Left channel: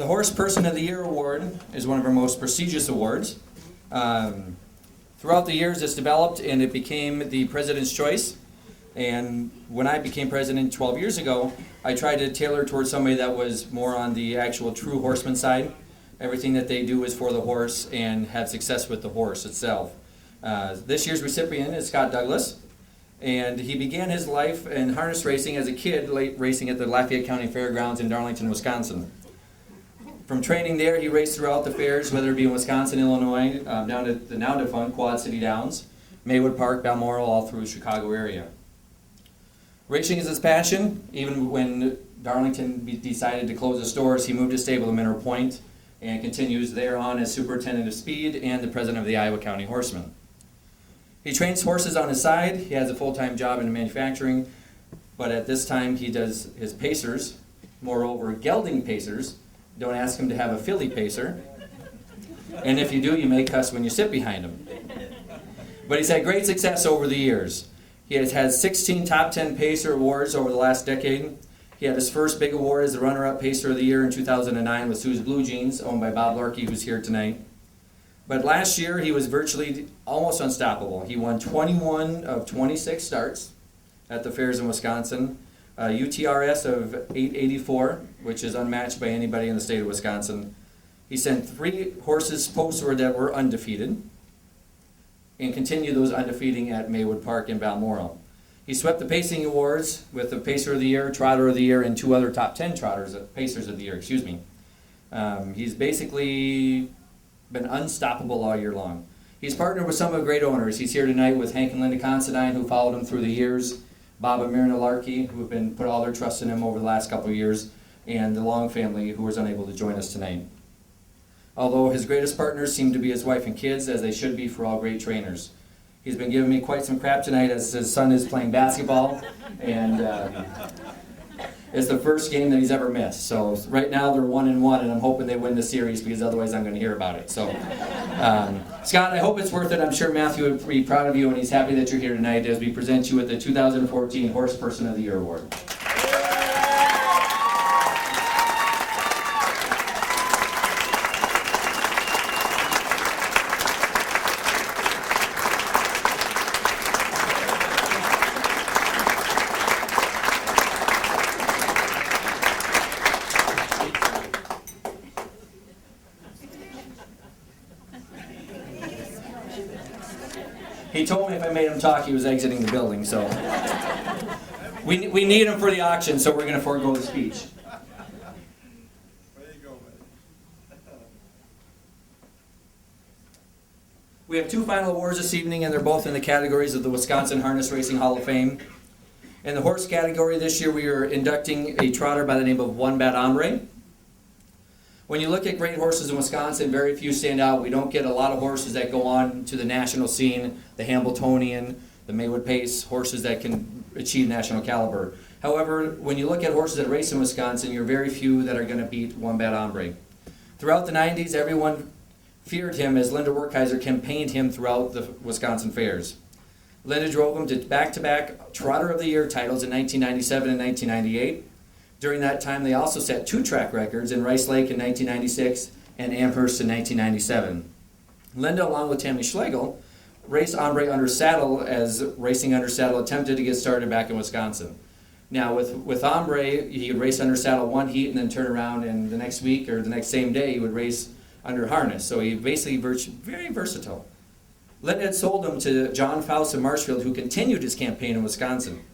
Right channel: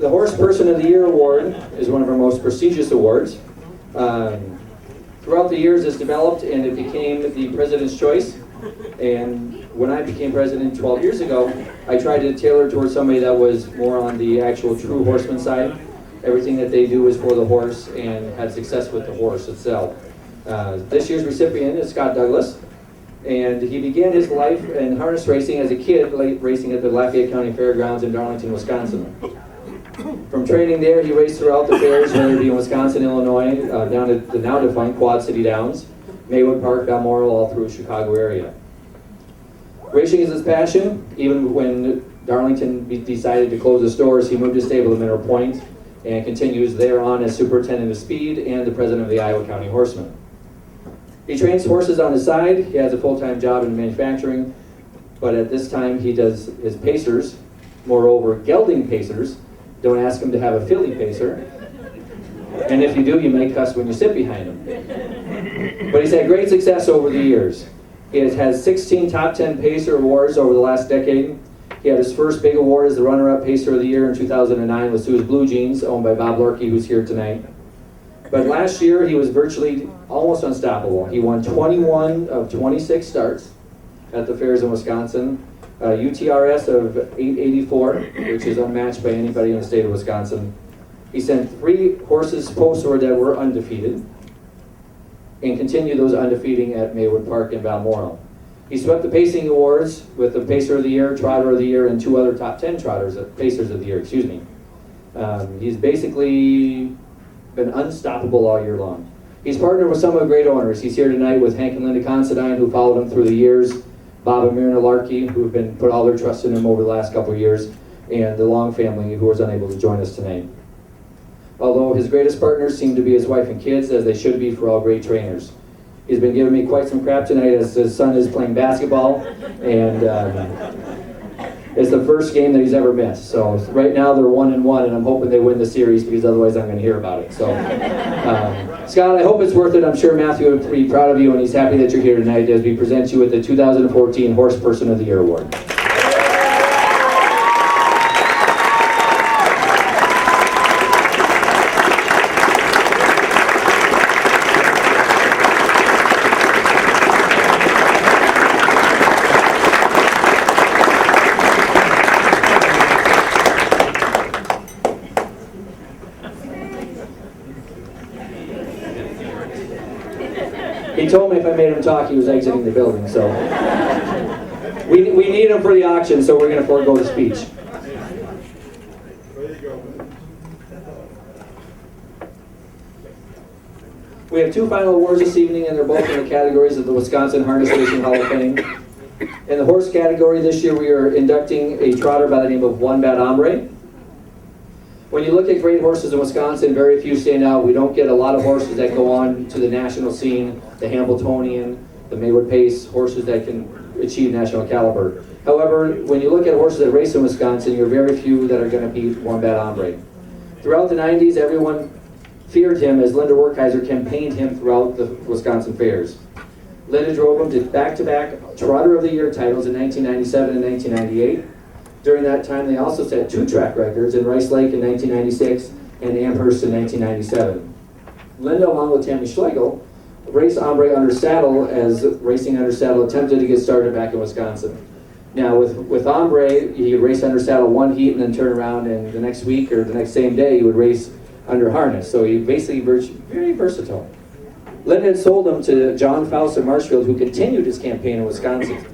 The Horse Person of the Year award is one of our most prestigious awards. Throughout the years it's developed and it became the President's Choice. And when I became president 12 years ago, I tried to tailor it towards somebody that was more on the actual true horseman side. Everything that they do is for the horse and had success with the horse itself. This year's recipient is Scott Douglas, and he began his life in harness racing as a kid, racing at the Lafayette County Fairgrounds in Darlington, Wisconsin. From training there, he raced throughout the fairs, whether it be in Wisconsin, Illinois, down at the now defunct Quad City Downs, Maywood Park, Balmoral, all through the Chicago area. Racing is his passion. Even when Darlington decided to close the stores, he moved his stable to Mineral Point and continues there on as superintendent of speed and the president of the Iowa County Horsemen. He trains horses on his side. He has a full-time job in manufacturing, but at this time he does his pacers. Moreover, gelding pacers. Don't ask him to have a filly pacer. And if you do, you may cuss when you sit behind him. But he's had great success over the years. He has had 16 top 10 pacer awards over the last decade. He had his first big award as the runner-up Pacer of the Year in 2009 with Sue's Blue Jeans, owned by Bob Lurkey, who's here tonight. But last year, he was virtually almost unstoppable. He won 21 of 26 starts at the fairs in Wisconsin, a UTRS of 884, which is unmatched by anybody in the state of Wisconsin. He sent 3 horses postward that were undefeated, and continued those undefeated at Maywood Park in Balmoral. He swept the Pacing Awards with the Pacer of the Year, Trotter of the Year, and 2 other top 10 Pacers of the Year, excuse me. He's basically been unstoppable all year long. He's partnered with some of the great owners. He's here tonight with Hank and Linda Considine, who followed him through the years, Bob and Myrna Larkey, who have been put all their trust in him over the last couple of years, and the Long family, who was unable to join us tonight. Although his greatest partners seem to be his wife and kids, as they should be for all great trainers. He's been giving me quite some crap tonight as his son is playing basketball, and it's the first game that he's ever missed. So right now they're 1-1, and I'm hoping they win the series because otherwise I'm going to hear about it. So Scott, I hope it's worth it. I'm sure Matthew would be proud of you, and he's happy that you're here tonight as we present you with the 2014 Horse Person of the Year Award. He told me if I made him talk, he was exiting the building, so. We need him for the auction, so we're going to forego the speech. We have 2 final awards this evening, and they're both in the categories of the Wisconsin Harness Racing Hall of Fame. In the horse category this year, we are inducting a trotter by the name of One Bad Ambre. When you look at great horses in Wisconsin, very few stand out. We don't get a lot of horses that go on to the national scene, the Hamiltonian, the Maywood Pace, horses that can achieve national caliber. However, when you look at horses that race in Wisconsin, you're very few that are going to beat One Bad Ambre. Throughout the 90s, everyone feared him as Linda Werkheiser campaigned him throughout the Wisconsin fairs. Linda drove him to back-to-back Trotter of the Year titles in 1997 and 1998. During that time, they also set 2 track records in Rice Lake in 1996 and Amherst in 1997. Linda, along with Tammy Schlegel, raced Ambre under saddle as Racing Under Saddle attempted to get started back in Wisconsin. Now, with Ambre, he would race under saddle 1 heat and then turn around, and the next week or the next same day, he would race under harness. So he basically very versatile. Linda had sold him to John Faust of Marshfield, who continued his campaign in Wisconsin.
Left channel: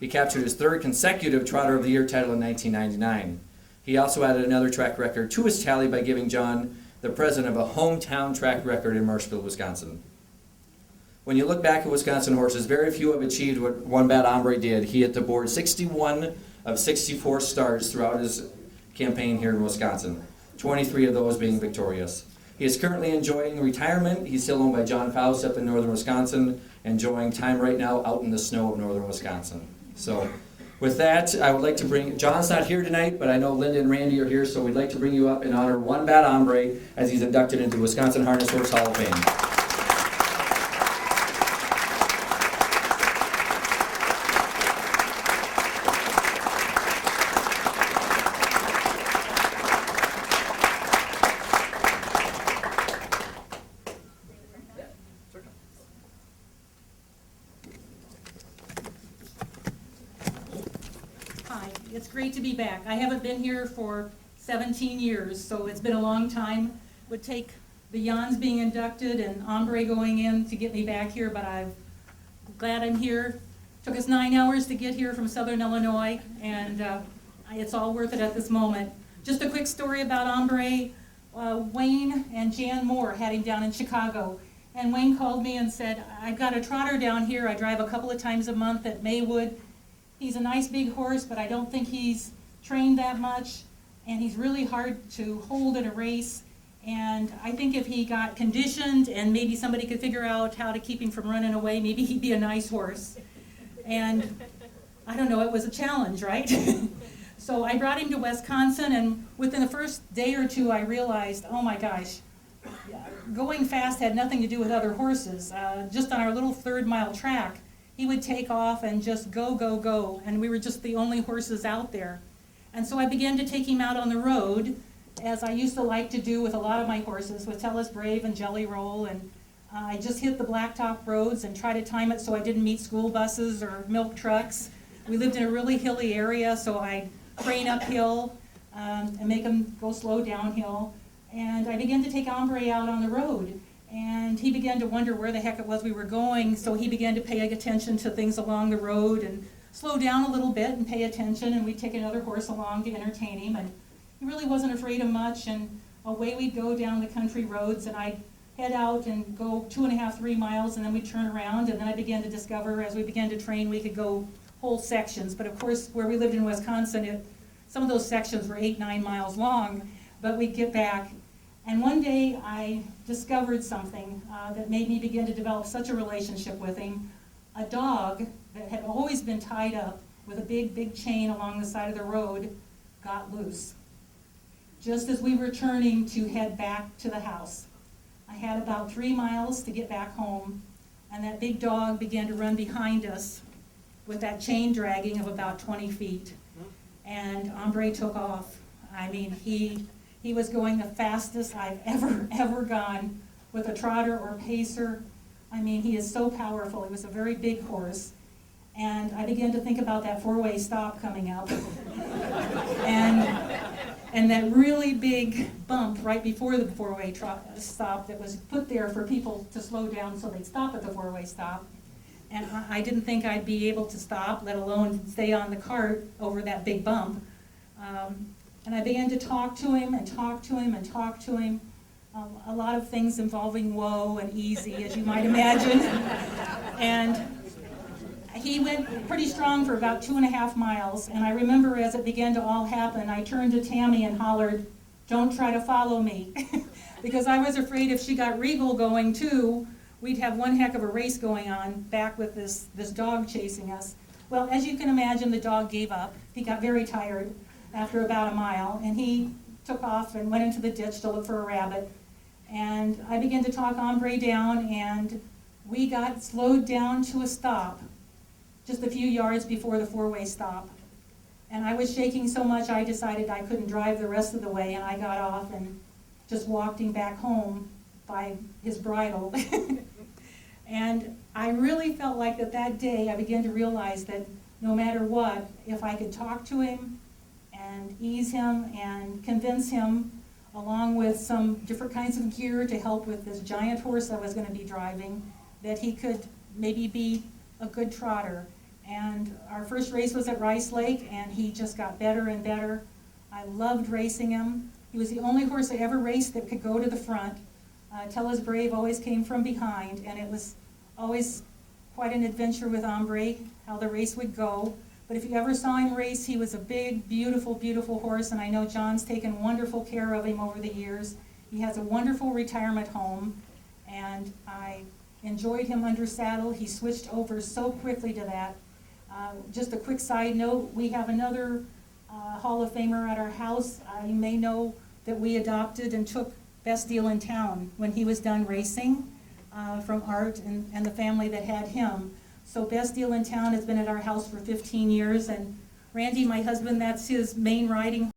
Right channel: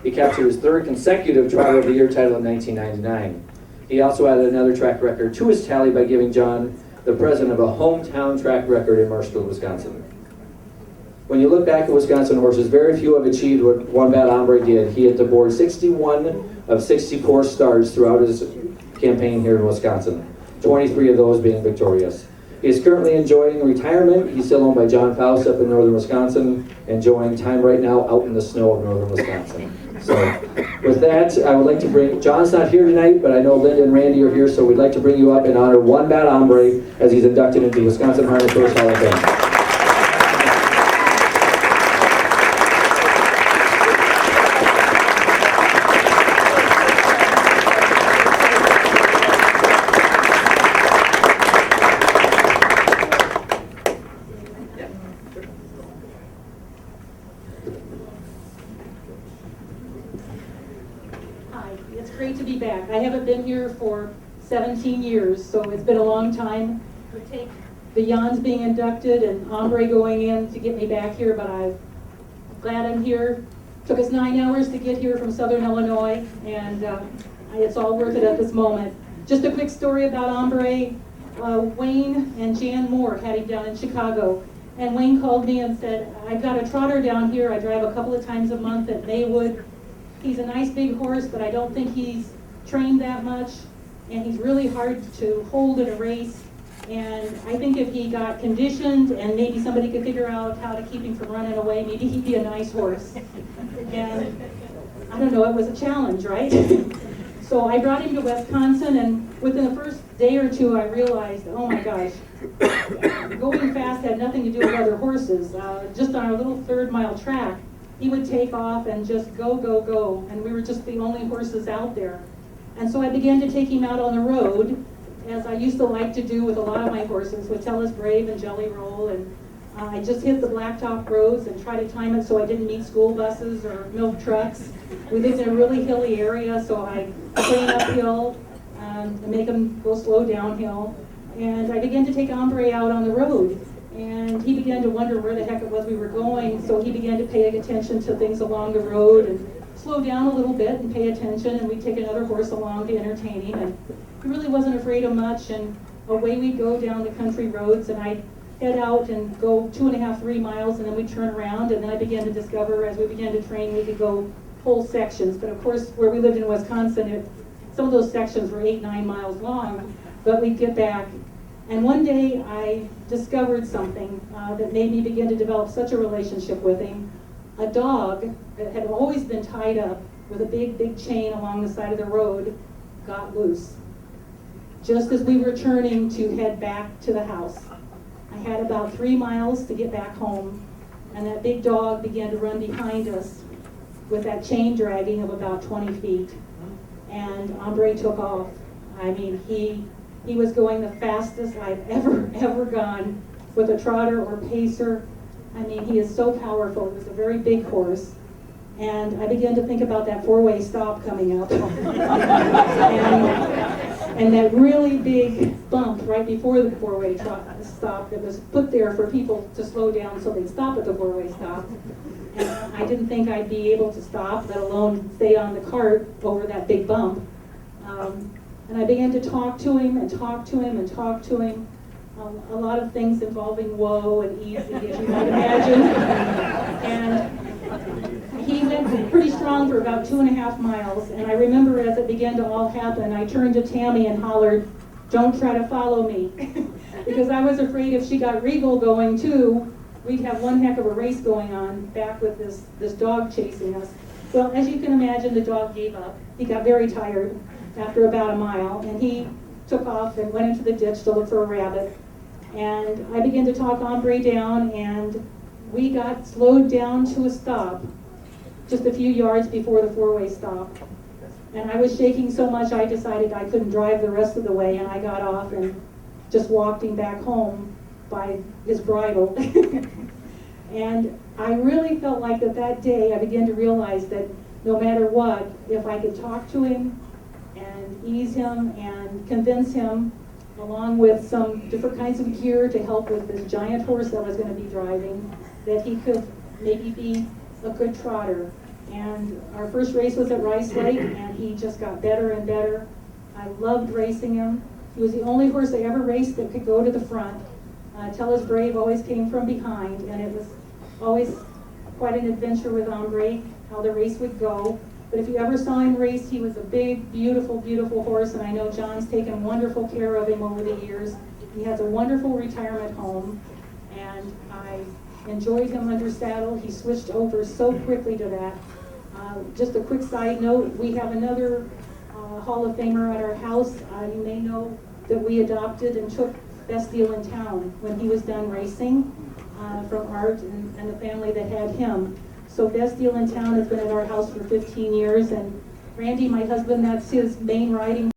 He captured his 3rd consecutive Trotter of the Year title in 1999. He also added another track record to his tally by giving John the president of a hometown track record in Marshfield, Wisconsin. When you look back at Wisconsin horses, very few have achieved what One Bad Ambre did. He hit the board 61 of 64 starts throughout his campaign here in Wisconsin, 23 of those being victorious. He is currently enjoying retirement. He's still owned by John Faust up in northern Wisconsin, enjoying time right now out in the snow of northern Wisconsin. So with that, I would like to bring, John's not here tonight, but I know Linda and Randy are here, so we'd like to bring you up and honor One Bad Ambre as he's inducted into the Wisconsin Harness Horse Hall of Fame. be back. I haven't been here for 17 years, so it's been a long time. It would take the Jans being inducted and Ambre going in to get me back here, but I'm glad I'm here. Took us 9 hours to get here from Southern Illinois, and it's all worth it at this moment. Just a quick story about Ambre. Wayne and Jan Moore had him down in Chicago, and Wayne called me and said, I've got a trotter down here. I drive a couple of times a month at Maywood. He's a nice big horse, but I don't think he's trained that much, and he's really hard to hold in a race. And I think if he got conditioned and maybe somebody could figure out how to keep him from running away, maybe he'd be a nice horse. And I don't know, it was a challenge, right? So I brought him to Wisconsin, and within the first day or two I realized, oh my gosh, going fast had nothing to do with other horses. Just on our little 3rd-mile track, he would take off and just go, go, go, and we were just the only horses out there. And so I began to take him out on the road, as I used to like to do with a lot of my horses, with Tell Us Brave and Jelly Roll, and I just hit the blacktop roads and try to time it so I didn't meet school buses or milk trucks. We lived in a really hilly area, so I train uphill and make him go slow downhill. And I began to take Ambre out on the road, and he began to wonder where the heck it was we were going, so he began to pay attention to things along the road and slow down a little bit and pay attention, and we'd take another horse along to entertain him. And he really wasn't afraid of much, and away we'd go down the country roads, and I'd head out and go 2.5, 3 miles, and then we'd turn around, and then I began to discover, as we began to train, we could go whole sections. But of course, where we lived in Wisconsin, some of those sections were 8, 9 miles long, but we'd get back. And one day I discovered something that made me begin to develop such a relationship with him. A dog that had always been tied up with a big, big chain along the side of the road got loose. Just as we were turning to head back to the house, I had about 3 miles to get back home, and that big dog began to run behind us with that chain dragging of about 20 feet. And Ambre took off. I mean, he was going the fastest I've ever gone with a trotter or pacer. I mean, he is so powerful. He was a very big horse. And I began to think about that 4-way stop coming up. and that really big bump right before the 4-way stop that was put there for people to slow down so they'd stop at the 4-way stop. And I didn't think I'd be able to stop, let alone stay on the cart over that big bump. And I began to talk to him and talk to him and talk to him. A lot of things involving woe and easy, as you might imagine. And he went pretty strong for about 2.5 miles. And I remember as it began to all happen, I turned to Tammy and hollered, "Don't try to follow me." Because I was afraid if she got Regal going too, we'd have one heck of a race going on back with this dog chasing us. Well, as you can imagine, the dog gave up. He got very tired after about a mile, and he took off and went into the ditch to look for a rabbit. And I began to talk Ambre down, and we got slowed down to a stop just a few yards before the 4-way stop. And I was shaking so much I decided I couldn't drive the rest of the way, and I got off and just walked him back home by his bridle. And I really felt like that day I began to realize that no matter what, if I could talk to him and ease him and convince him, along with some different kinds of gear to help with this giant horse I was going to be driving, that he could maybe be a good trotter. And our first race was at Rice Lake, and he just got better and better. I loved racing him. He was the only horse I ever raced that could go to the front. Tell Us Brave always came from behind, and it was always quite an adventure with Ambre, how the race would go. But if you ever saw him race, he was a big, beautiful, beautiful horse, and I know John's taken wonderful care of him over the years. He has a wonderful retirement home, and I enjoyed him under saddle. He switched over so quickly to that. Just a quick side note, we have another Hall of Famer at our house. You may know that we adopted and took Best Deal in Town when he was done racing from Art and the family that had him. So Best Deal in Town has been at our house for 15 years, and Randy, my husband, that's his main riding